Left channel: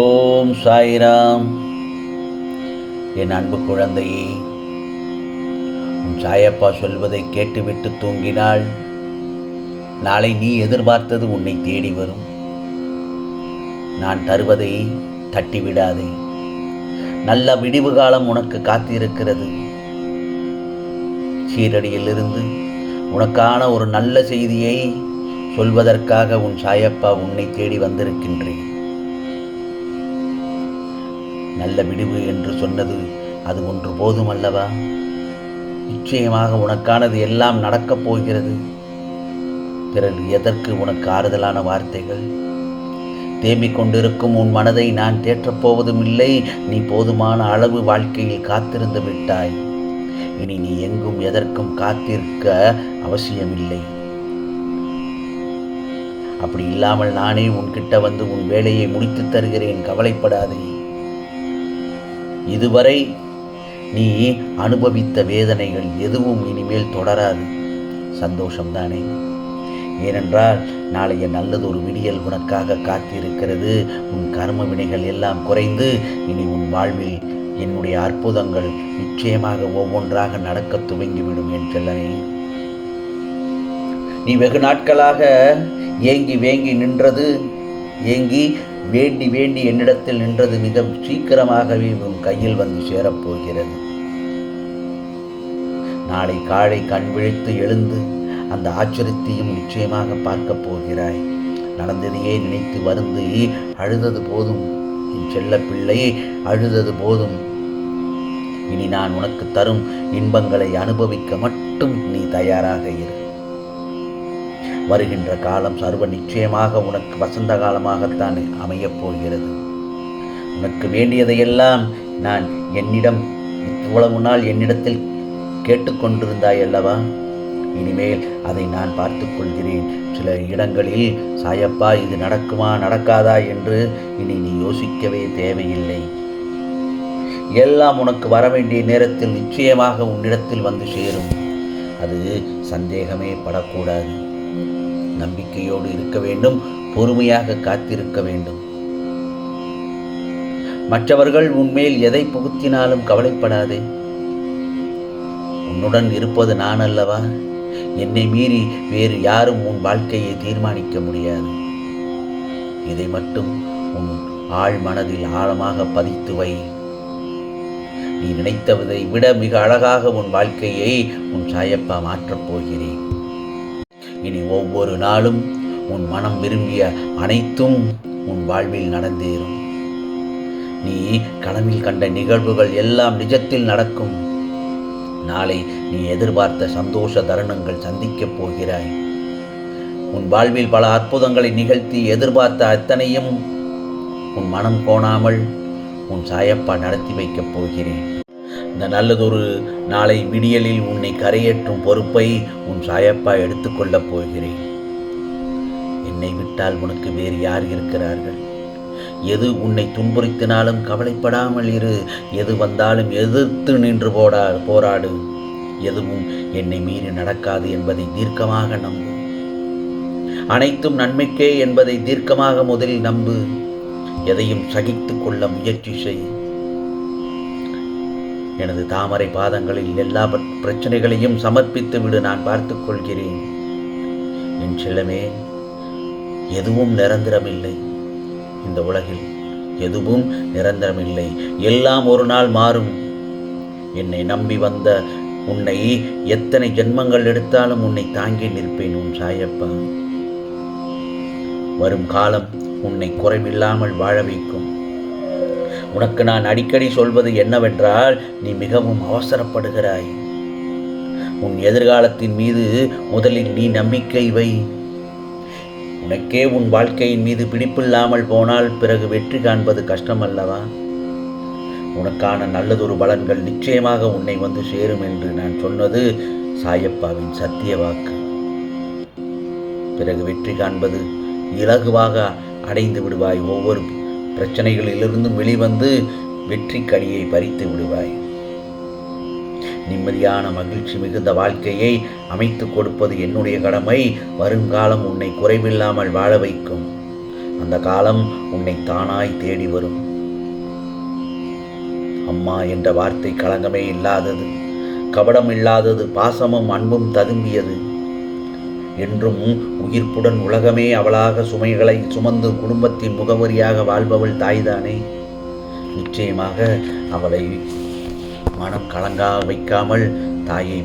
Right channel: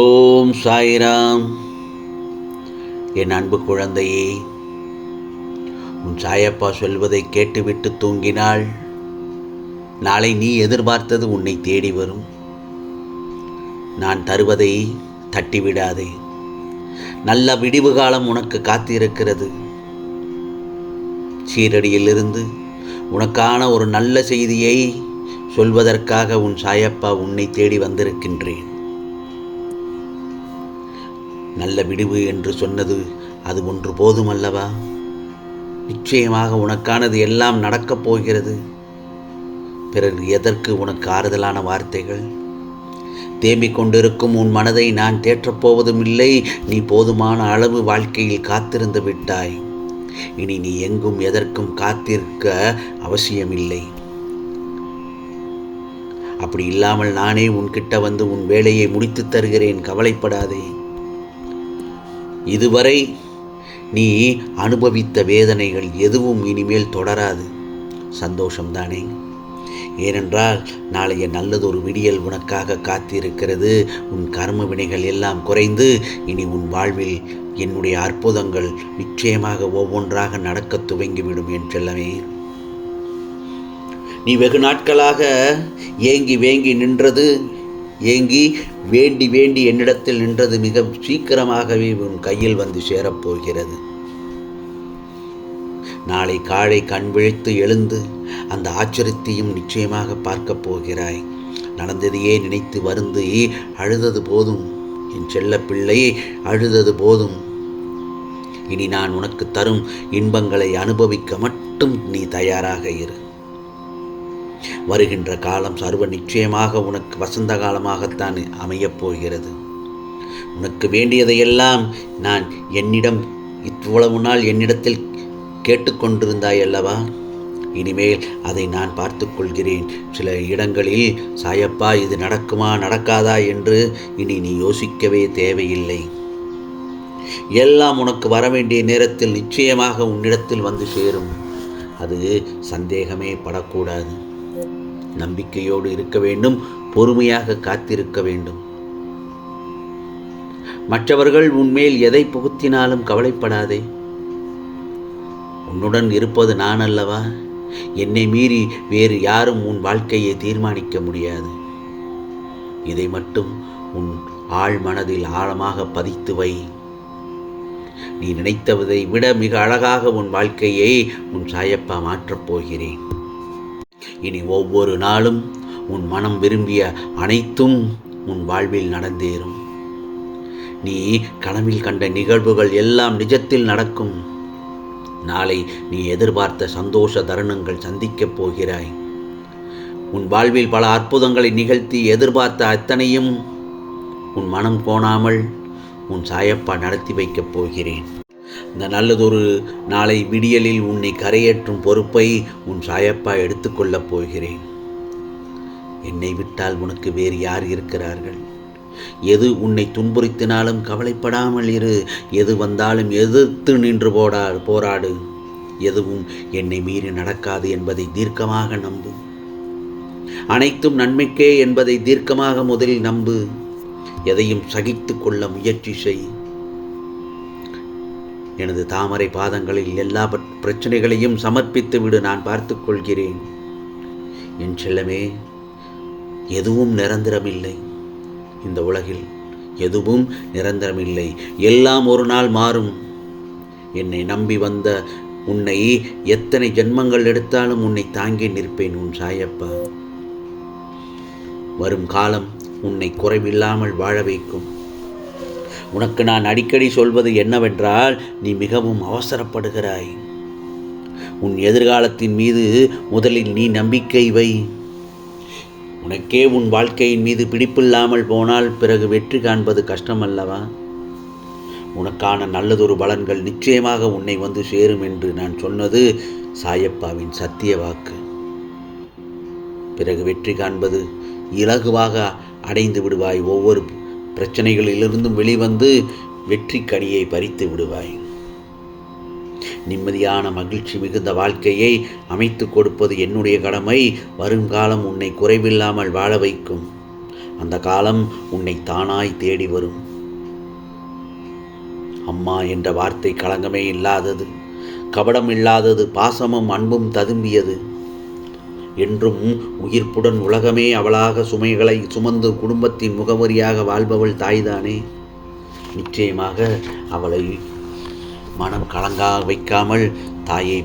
ஓம் சாய்ராம். என் அன்பு குழந்தையே, உன் சாயப்பா சொல்வதை கேட்டுவிட்டு தூங்கினாள். நாளை நீ எதிர்பார்த்தது உன்னை தேடி வரும். நான் தருவதை தட்டிவிடாதே. நல்ல விடிவு காலம் உனக்கு காத்திருக்கிறது. சீரடியிலிருந்து உனக்கான ஒரு நல்ல செய்தியை சொல்வதற்காக உன் சாயப்பா உன்னை தேடி வந்திருக்கின்றேன். நல்ல விடிவு என்று சொன்னது அது ஒன்று போதும் அல்லவா? நிச்சயமாக உனக்கானது எல்லாம் நடக்கப் போகிறது. பிறகு எதற்கு உனக்கு ஆறுதலான வார்த்தைகள்? தேம்பிக் கொண்டிருக்கும் உன் மனதை நான் தேற்றப் போவதும் இல்லை. நீ போதுமான அளவு வாழ்க்கையில் காத்திருந்து விட்டாய். இனி நீ எங்கும் எதற்கும் காத்திருக்க அவசியமில்லை. அப்படி இல்லாமல் நானே உன்கிட்ட வந்து உன் வேலையை முடித்து தருகிறேன். கவலைப்படாதே. இதுவரை நீ அனுபவித்த வேதனைகள் எதுவும் இனிமேல் தொடராது. சந்தோஷம்தானே? ஏனென்றால் நாளைய நல்லதொரு விடியல் உனக்காக காத்திருக்கிறது. உன் கர்ம வினைகள் எல்லாம் குறைந்து இனி உன் வாழ்வில் என்னுடைய அற்புதங்கள் நிச்சயமாக ஒவ்வொன்றாக நடக்க துவங்கிவிடும் என் செல்லமே. நீ வெகு நாட்களாக ஏங்கி வேண்டி என்னிடத்தில் நின்றது மிக சீக்கிரமாகவே உன் கையில் வந்து சேரப்போகிறது. நாளை காலை கண் விழித்து எழுந்து அந்த ஆச்சரியத்தையும் நிச்சயமாக பார்க்கப் போகிறாய். நடந்ததையே நினைத்து வருந்தி அழுதது போதும் என் செல்ல பிள்ளை, அழுதது போதும். இனி நான் உனக்கு தரும் இன்பங்களை அனுபவிக்க மட்டும் நீ தயாராக இரு. வருகின்ற காலம் சர்வ நிச்சயமாக உனக்கு வசந்த காலமாகத்தான் அமையப் போகிறது. உனக்கு வேண்டியதையெல்லாம் நான் இவ்வளவு நாள் என்னிடத்தில் கேட்டுக்கொண்டிருந்தாய் அல்லவா? இனிமேல் அதை நான் பார்த்து கொள்கிறேன். சில இடங்களில் சாயப்பா இது நடக்குமா நடக்காதா என்று இனி நீ யோசிக்கவே தேவையில்லை. எல்லாம் உனக்கு வர வேண்டிய நேரத்தில் நிச்சயமாக உன்னிடத்தில் வந்து சேரும். அது சந்தேகமே படக்கூடாது. நம்பிக்கையோடு இருக்க வேண்டும். பொறுமையாக காத்திருக்க வேண்டும். மற்றவர்கள் உன்மேல் எதை புகுத்தினாலும் கவலைப்படாதே. உன்னுடன் இருப்பது நான் அல்லவா? என்னை மீறி வேறு யாரும் உன் வாழ்க்கையை தீர்மானிக்க முடியாது. இதை மட்டும் உன் ஆழ் மனதில் ஆழமாக பதித்து வை. நீ நினைத்ததை விட மிக அழகாக உன் வாழ்க்கையை உன் சாயப்பா மாற்றப் போகிறேன். இனி ஒவ்வொரு நாளும் உன் மனம் விரும்பிய அனைத்தும் உன் வாழ்வில் நடந்தேறும். நீ கனவில் கண்ட நிகழ்வுகள் எல்லாம் நிஜத்தில் நடக்கும். நாளை நீ எதிர்பார்த்த சந்தோஷ தருணங்கள் சந்திக்கப் போகிறாய். உன் வாழ்வில் பல அற்புதங்களை நிகழ்த்தி எதிர்பார்த்த அத்தனையும் உன் மனம் கோணாமல் உன் சாயப்பா நடத்தி வைக்கப் போகிறேன். இந்த நல்லதொரு நாளை விடியலில் உன்னை கரையேற்றும் பொறுப்பை உன் சாயப்பா எடுத்துக்கொள்ளப் போகிறேன். என்னை விட்டால் உனக்கு வேறு யார் இருக்கிறார்கள்? எது உன்னை துன்புறுத்தினாலும் கவலைப்படாமல் இரு. எது வந்தாலும் எதிர்த்து நின்று போராடு. எதுவும் என்னை மீறி நடக்காது என்பதை தீர்க்கமாக நம்பு. அனைத்தும் நன்மைக்கே என்பதை தீர்க்கமாக முதலில் நம்பு. எதையும் சகித்து கொள்ள முயற்சி செய். எனது தாமரை பாதங்களில் எல்லா பிரச்சனைகளையும் சமர்ப்பித்து விடு. நான் பார்த்துக் கொள்கிறேன். என் செல்லமே, எதுவும் நிரந்தரமில்லை. இந்த உலகில் எதுவும் நிரந்தரமில்லை. எல்லாம் ஒரு நாள் மாறும். என்னை நம்பி வந்த உன்னை எத்தனை ஜென்மங்கள் எடுத்தாலும் உன்னை தாங்கி நிற்பேன் உன் சாயப்பா. வரும் காலம் உன்னை குறைவில்லாமல் வாழ வைக்கும். உனக்கு நான் அடிக்கடி சொல்வது என்னவென்றால், நீ மிகவும் அவசரப்படுகிறாய். உன் எதிர்காலத்தின் மீது முதலில் நீ நம்பிக்கை வை. உனக்கே உன் வாழ்க்கையின் மீது பிடிப்பில்லாமல் போனால் பிறகு வெற்றி காண்பது கஷ்டம் அல்லவா? உனக்கான நல்லதொரு பலன்கள் நிச்சயமாக உன்னை வந்து சேரும் என்று நான் சொன்னது சாயப்பாவின் சத்திய வாக்கு. பிறகு வெற்றி காண்பது இலகுவாக அடைந்து விடுவாய். ஒவ்வொரு பிரச்சனைகளிலிருந்தும் வெளிவந்து வெற்றி கனியை பறித்து விடுவாய். நிம்மதியான மகிழ்ச்சி மிகுந்த வாழ்க்கையை அமைத்து கொடுப்பது என்னுடைய கடமை. வருங்காலம் உன்னை குறைவில்லாமல் வாழ வைக்கும். அந்த காலம் உன்னை தானாய் தேடி வரும். அம்மா என்ற வார்த்தை களங்கமே இல்லாதது, கபடம் இல்லாதது, பாசமும் அன்பும் ததும்பியது. என்றும் உயிர்ப்புடன் உலகமே அவளாக சுமைகளை சுமந்து குடும்பத்தின் முகவரியாக வாழ்பவள் தாய்தானே. நிச்சயமாக அவளை மனம் கலங்கா வைக்காமல் தாயை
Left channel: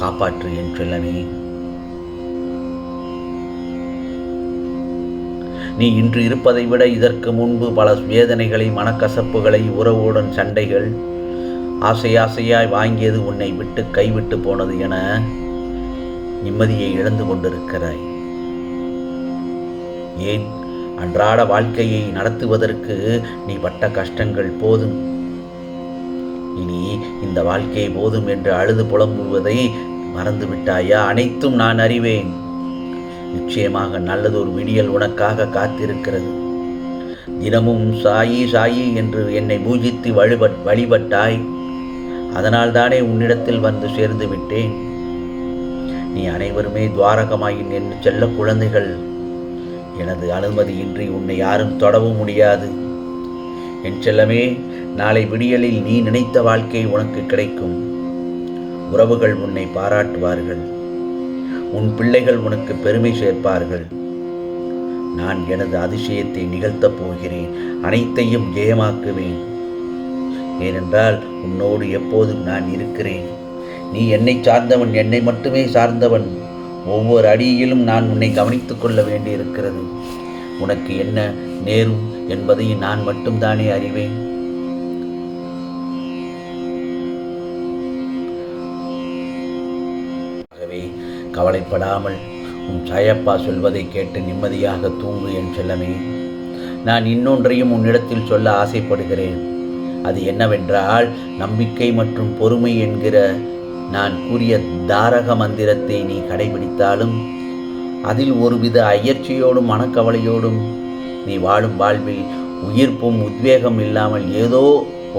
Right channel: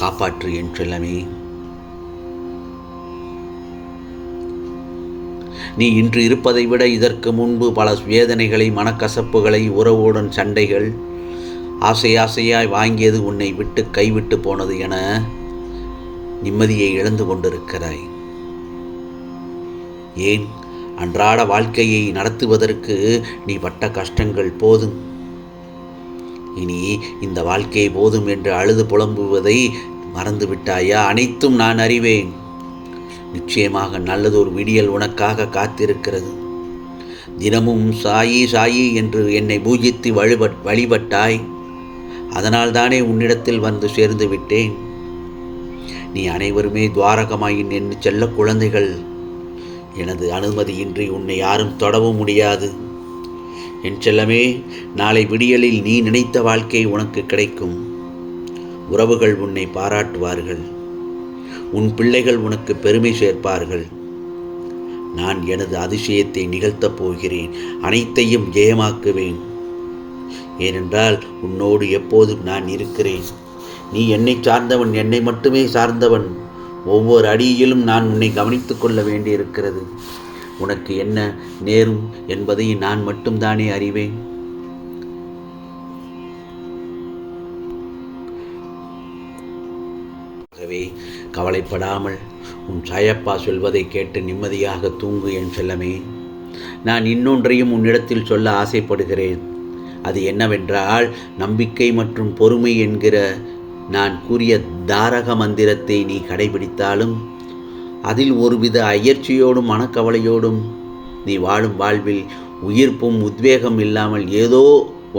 காப்பாற்று என் செல்லமே. நீ இன்று இருப்பதை விட இதற்கு முன்பு பல வேதனைகளை, மனக்கசப்புகளை, உறவுடன் சண்டைகள், ஆசையாய் வாங்கியது உன்னை விட்டு கைவிட்டு போனது என நிம்மதியை இழந்து கொண்டிருக்கிறாய். ஏன்? அன்றாட வாழ்க்கையை நடத்துவதற்கு நீ பட்ட கஷ்டங்கள் போதும். இனி இந்த வாழ்க்கை போதும் என்று அழுது புலம்புவதை மறந்துவிட்டாயா? அனைத்தும் நான் அறிவேன். நிச்சயமாக நல்லதொரு விடியல் உனக்காக காத்திருக்கிறது. தினமும் சாயி சாயி என்று என்னை பூஜித்து வழிபட்டாய். அதனால் தானே உன்னிடத்தில் வந்து சேர்ந்து விட்டேன். நீ அனைவருமே துவாரகமாயின் என் செல்ல குழந்தைகள். எனது அனுமதியின்றி உன்னை யாரும் தொடவும் முடியாது. என் செல்லமே, நாளை விடியலில் நீ நினைத்த வாழ்க்கை உனக்கு கிடைக்கும். உறவுகள் உன்னை பாராட்டுவார்கள். உன் பிள்ளைகள் உனக்கு பெருமை சேர்ப்பார்கள். நான் எனது அதிசயத்தை நிகழ்த்தப் போகிறேன். அனைத்தையும் ஜெயமாக்குவேன். ஏனென்றால் உன்னோடு எப்போதும் நான் இருக்கிறேன். நீ என்னை சார்ந்தவன், என்னை மட்டுமே சார்ந்தவன். ஒவ்வொரு அடியிலும் நான் உன்னை கவனித்துக் கொள்ள வேண்டியிருக்கிறது. உனக்கு என்ன நேரும் என்பதை நான் மட்டும்தானே அறிவேன். ஆகவே கவலைப்படாமல் உன் சாயப்பா சொல்வதை கேட்டு நிம்மதியாக தூங்கு என் செல்லமே. நான் இன்னொன்றையும் உன்னிடத்தில் சொல்ல ஆசைப்படுகிறேன். அது என்னவென்றால், நம்பிக்கை மற்றும் பொறுமை என்கிற நான் கூறிய தாரக மந்திரத்தை நீ கடைபிடித்தாலும், அதில் ஒருவித அயற்சியோடும் மனக்கவலையோடும் நீ வாழும் வாழ்வில் உயிர்ப்பும் உத்வேகம் இல்லாமல் ஏதோ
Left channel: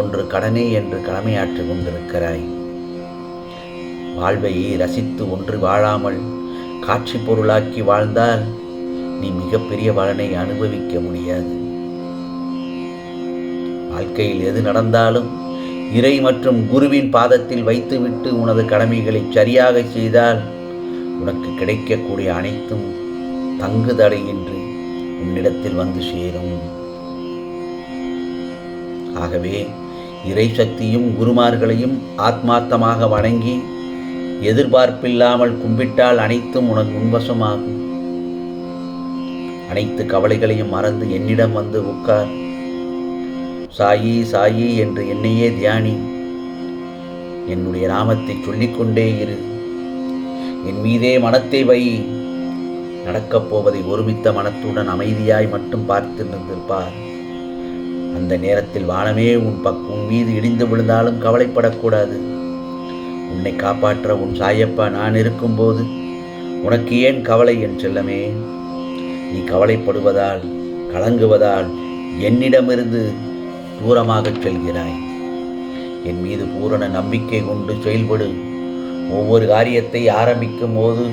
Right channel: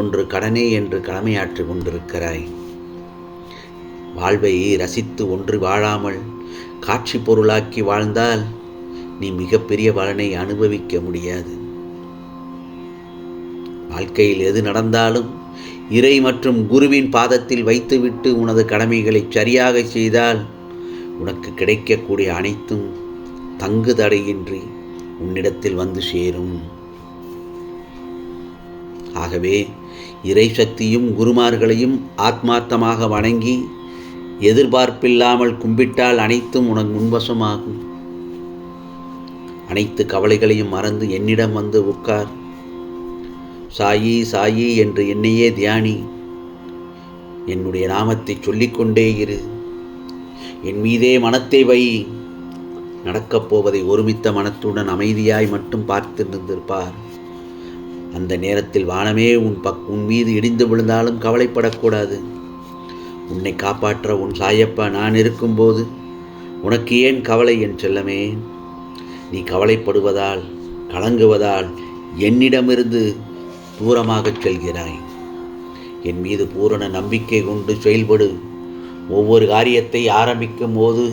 ஒன்று கடனே என்று கடமையாற்றி கொண்டிருக்கிறாய். வாழ்வை ரசித்து ஒன்று வாழாமல் காட்சி பொருளாக்கி வாழ்ந்தால் நீ மிகப்பெரிய பலனை அனுபவிக்க முடியாது. வாழ்க்கையில் எது நடந்தாலும் இறை மற்றும் குருவின் பாதத்தில் வைத்துவிட்டு உனது கடமைகளை சரியாக செய்தால் உனக்கு கிடைக்கக்கூடிய அனைத்தும் தங்கு தடையின்றி உன்னிடத்தில் வந்து சேரும். ஆகவே இறை சக்தியும் குருமார்களையும் ஆத்மார்த்தமாக வணங்கி எதிர்பார்ப்பில்லாமல் கும்பிட்டால் அனைத்தும் உனக்கு முன்வசமாகும். அனைத்து கவலைகளையும் மறந்து என்னிடம் வந்து உட்கார். சாயி சாயி என்று என்னையே தியானி. என்னுடைய நாமத்தை சொல்லிக்கொண்டே இரு. என் மீதே மனத்தை வை. நடக்கப் போவதை ஒருமித்த மனத்துடன் அமைதியாய் மட்டும் பார்த்து நின்றிருப்பார். அந்த நேரத்தில் வானமே உன் மீது இடிந்து விழுந்தாலும் கவலைப்படக்கூடாது. உன்னை காப்பாற்ற உன் சாயப்பா நான் இருக்கும்போது உனக்கு ஏன் கவலை என் செல்லமே? நீ கவலைப்படுவதால், கலங்குவதால் என்னிடமிருந்து தூரமாகச் செல்கிறாய். என் மீது பூரண நம்பிக்கை கொண்டு செயல்படு. ஒவ்வொரு காரியத்தை ஆரம்பிக்கும் போது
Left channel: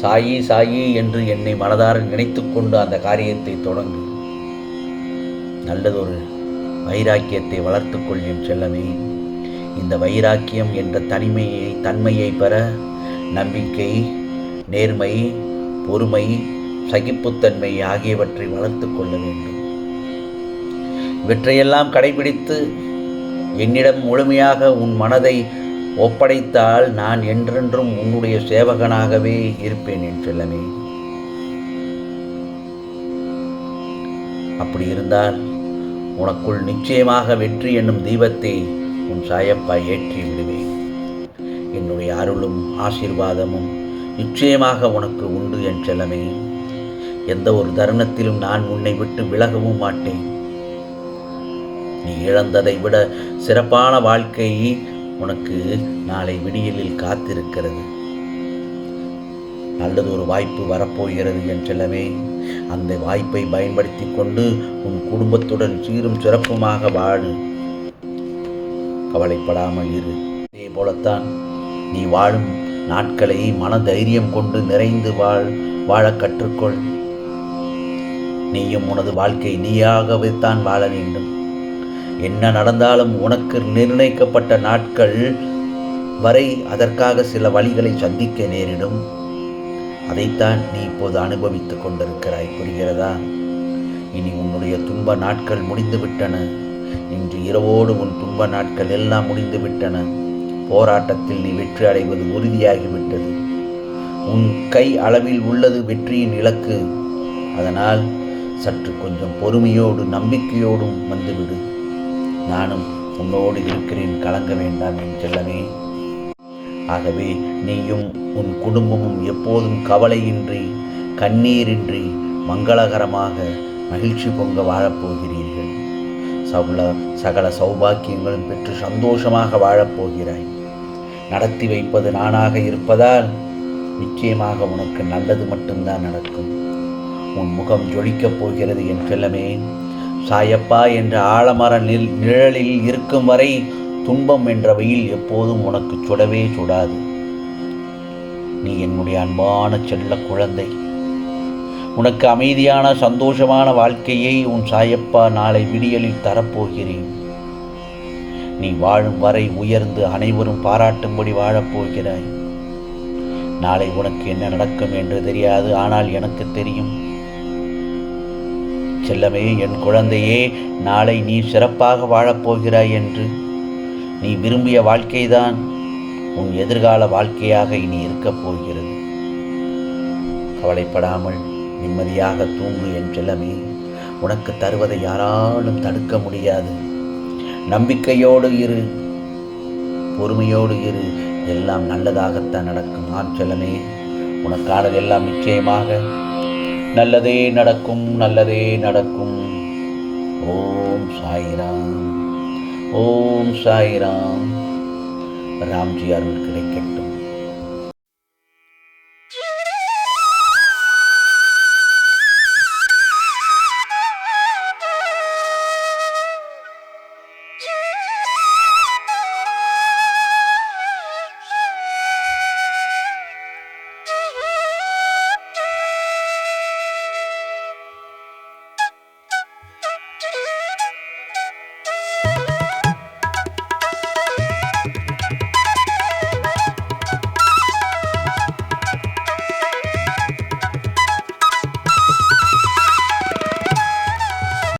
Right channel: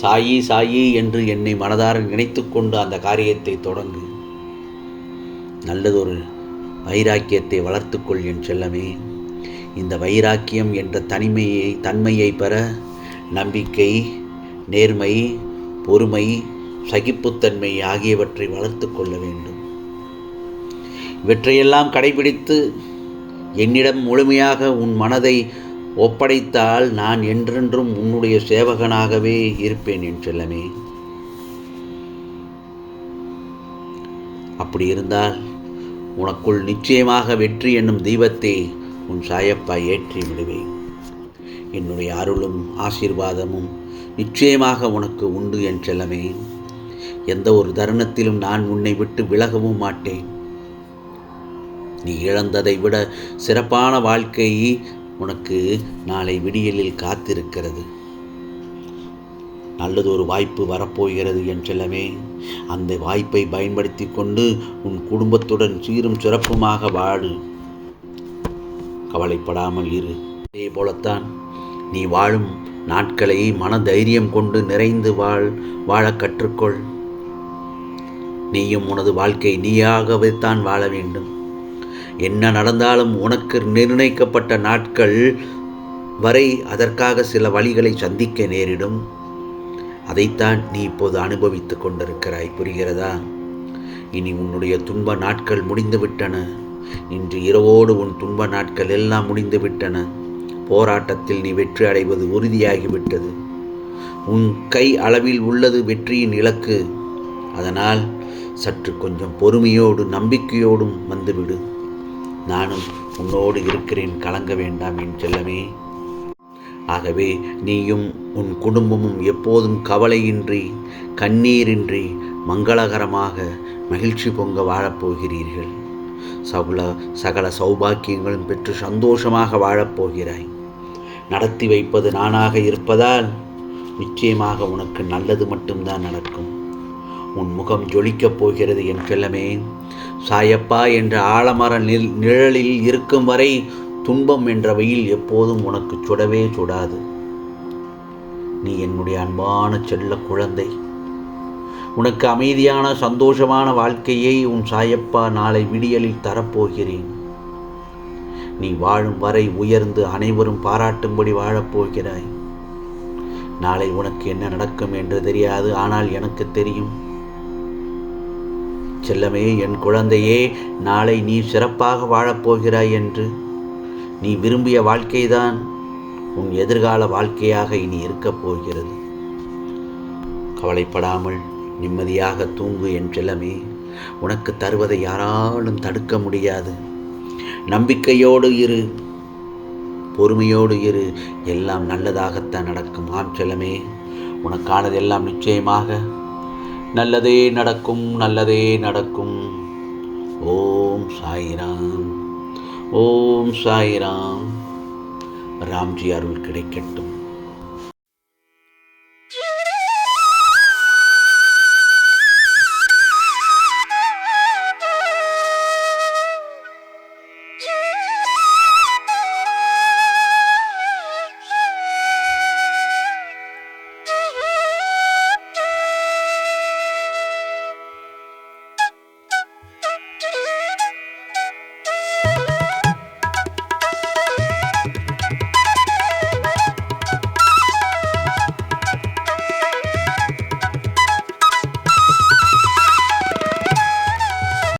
சாயி சாயி என்று என்னை மனதார நினைத்து கொண்டு அந்த காரியத்தை தொடங்கு. நல்லதொரு வைராக்கியத்தை வளர்த்துக்கொள் என் செல்லமே. இந்த வைராக்கியம் என்ற தன்மையை பெற நம்பிக்கை, நேர்மை, பொறுமை, சகிப்புத்தன்மை ஆகியவற்றை வளர்த்து கொள்ள வேண்டும். இவற்றையெல்லாம் கடைபிடித்து என்னிடம் முழுமையாக உன் மனதை ஒப்படைத்தால் நான் என்றென்றும் உன்னுடைய சேவகனாகவே இருப்பேன் என் செல்லமே. அப்படி இருந்தால் உனக்குள் நிச்சயமாக வெற்றி என்னும் தீபத்தை உன் சாயப்பா ஏற்றி விடுவேன். என்னுடைய அருளும் ஆசீர்வாதமும் நிச்சயமாக உனக்கு உண்டு என் செல்லமே. எந்த ஒரு தருணத்திலும் நான் உன்னை விட்டு விலகவும் மாட்டேன். நீ இழந்ததை விட சிறப்பான வாழ்க்கை உனக்கு நாளை விடியலில் காத்திருக்கிறது. நல்லதொரு வாய்ப்பு வரப்போகிறது என் செல்லமே. அந்த வாய்ப்பை பயன்படுத்தி கொண்டு உன் குடும்பத்துடன் சீரும் சிறப்புமாக வாழு. கவலைப்படாமல் இரு. அதே போலத்தான் நீ வாழும் நாட்களை மன தைரியம் கொண்டு நிறைந்து வாழ கற்றுக்கொள். நீயும் உனது வாழ்க்கை நீயாகவே தான் வாழ வேண்டும். என்ன நடந்தாலும் உனக்கு நிர்ணயிக்கப்பட்ட நாட்கள் வரை அதற்காக சில வழிகளை சந்திக்க நேரிடும். அதைத்தான் நீ இப்போது அனுபவித்துக் கொண்டிருக்கிறாய். புரிகிறதா? இனி உன்னுடைய துன்ப நாட்கள் முடிந்துவிட்டன. இன்று இரவோடு உன் துன்ப நாட்கள் எல்லாம் முடிந்துவிட்டன. போராட்டத்தில் நீ வெற்றி அடைவது உறுதியாகிவிட்டது. உன் கை அளவில் உள்ளது வெற்றியின் இலக்கு. அதனால் சற்று கொஞ்சம் பொறுமையோடு நம்பிக்கையோடும் வந்துவிடு. நானும் உன்னோடு இருக்கிறேன், கலங்க வேண்டாம் என் செல்லமே. ஆகவே நீயும் உன் குடும்பமும் எப்போதும் கவலையின்றி கண்ணீரின்றி மங்களகரமாக மகிழ்ச்சி பொங்க வாழப்போகிறீர்கள். சகல சௌபாக்கியங்களும் பெற்று சந்தோஷமாக வாழப்போகிறாய். நடத்தி வைப்பது நானாக இருப்பதால் நிச்சயமாக உனக்கு நல்லது மட்டும்தான் நடக்கும். உன் முகம் ஜொலிக்கப் போகிறது என் செல்லமே. சாயப்பா என்ற ஆலமர நிழலில் இருக்கும் வரை துன்பம் என்ற வெயில் எப்போதும் உனக்கு சுடவே சுடாது. நீ என்னுடைய அன்பான செல்ல குழந்தை. உனக்கு அமைதியான சந்தோஷமான வாழ்க்கையை உன் சாயப்பா நாளை விடியலில் தரப்போகிறேன். நீ வாழும் வரை உயர்ந்து அனைவரும் பாராட்டும்படி வாழப்போகிறாய். நாளை உனக்கு என்ன நடக்கும் என்று தெரியாது, ஆனால் எனக்கு தெரியும். செல்லமே, என் குழந்தையே, நாளை நீ சிறப்பாக வாழப்போகிறாய் என்று. நீ விரும்பிய வாழ்க்கைதான் உன் எதிர்கால வாழ்க்கையாக இனி இருக்கப் போகிறது. கவலைப்படாமல் நிம்மதியாக தூங்கு என் செல்லமே. உனக்கு தருவதை யாராலும் தடுக்க முடியாது. நம்பிக்கையோடு இரு, பொறுமையோடு இரு. எல்லாம் நல்லதாகத்தான் நடக்கும். ஆம் செல்லமே, உனக்கானதெல்லாம் நிச்சயமாக நல்லதே நடக்கும், நல்லதே நடக்கும். ஓம் சாய்ராம், ஓம் சாய்ராம். ராம்ஜி அருள் கிடைக்கட்டும்.